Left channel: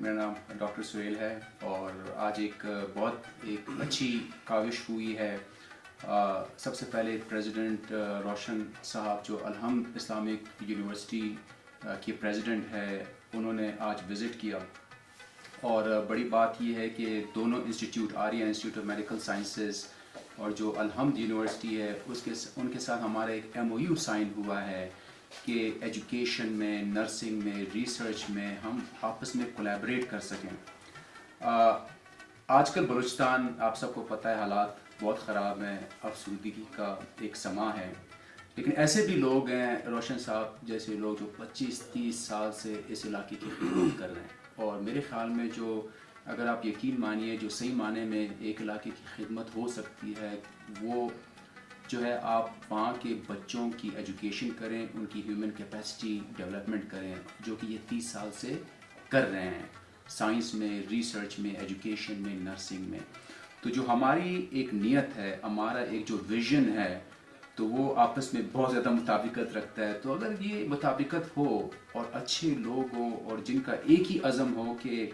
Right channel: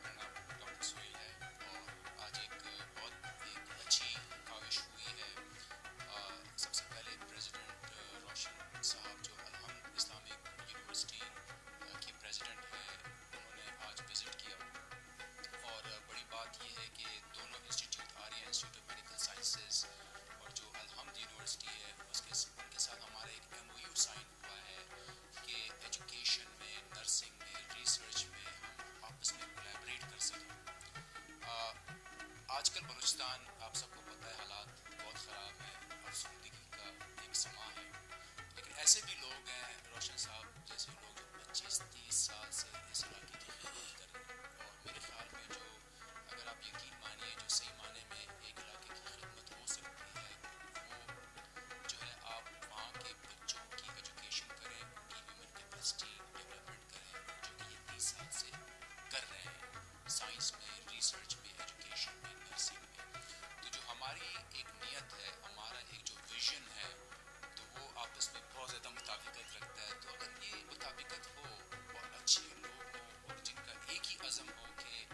میرا نام ڈاکٹر سہیل ہے اور آج ایک بہت اچھی کاوش ہوئی ہے. سب سے پہلے پریزیڈنٹ روشن صاحب جو الحمد اسلامک یونیورسٹی کے پریزیڈنٹ ہے, انہوں نے آج وزٹ کیا. اور بڑی بات یہ ہے کہ دونوں institute Arya institute of medical sciences اور جو الحمد یونیورسٹی ہے ان کے ساتھ ہمارا ایک MOU سائن ہوا ہے کہ ایجوکیشن میں, نرسنگ میں, ریسرچ میں ہم آپس میں کولیبریٹ کر سکیں. آج کل بلوچستان آپ سب کو پتہ ہے حالات بہت خراب ہیں, افسردگی کا ایک سماں ہے, لیکن ایسے بھی لوگ ہیں روشن صاحب جیسے لوگ جو 25-30 سال سے اس علاقے کی خدمت کر رہے ہیں. اور میرے خیال میں جو اگر آپ یقین مانیے جو صحیح معنی میں ایک علاقے کی خدمت ہو سکتی ہے وہ جو ہے آپ وہاں کے بچوں کی ایجوکیشن کریں, ان کی ہیومن کیپیسٹی ڈیولپمنٹ کریں, جو کہ یہ 30 سال سے کر رہے ہیں سائنس میں, ریسرچ میں, ایجوکیشن میں, نرسنگ میں. تو جو ہماری ایک نیت ہے, ہمارا ایک جو ویژن ہے, تو وہ آپس میں بہت زیادہ مطابقت رکھتا ہے. تو اگر یہ مطابقت ہو اور اچھے لوگ ہوں اور جن کا ایک ہی عزم ہو کہ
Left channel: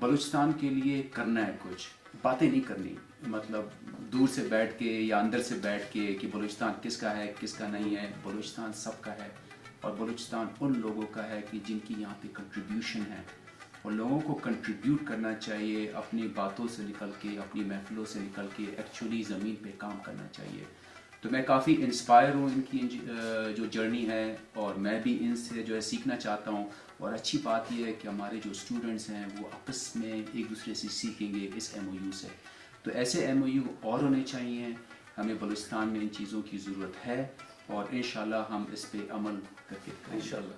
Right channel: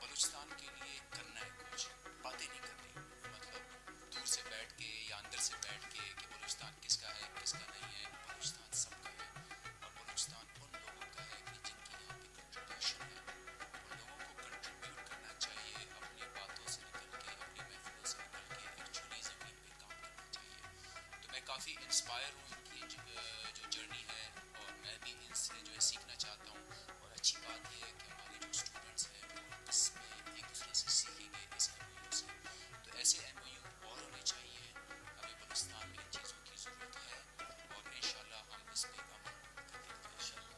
بلوچستان کے لیے کرنا ہے, کچھ باتیں نہیں کرنی, مطلب دور سے بیٹھ کے یا اندر سے بیٹھ کے کہ بلوچستان کس کا ہے کس کا نہیں ہے. بلوچستان سب کا ہے اور بلوچستان ان لوگوں کا ہے کہ جن کی یہاں پہ کنٹریبیوشن ہے, اور لوگوں کو کنٹریبیوٹ کرنا چاہیے اپنی باتوں سے نکل کے, اپنی محفلوں سے نکل کے, ایکچولی زمین پہ کام کرنا چاہیے. تو میں کافی انسپائر ہوں ان کی جو جرنی ہے, اور میں بھی ان سے جو ہے سیکھنا چاہتا ہوں. اور اچھی بات یہ ہے کہ ہمارے جو اسٹوڈنٹس ہیں وہ آپس میں ایک دوسرے سے سیکھیں گے اس MOU سے. تو ایسے MOU اور ہونے چاہیے. ہمیں بلوچستان میں ان چیزوں کی ضرورت ہے اور انشاءاللہ ہم اس پہ عمل کر کے انشاءاللہ.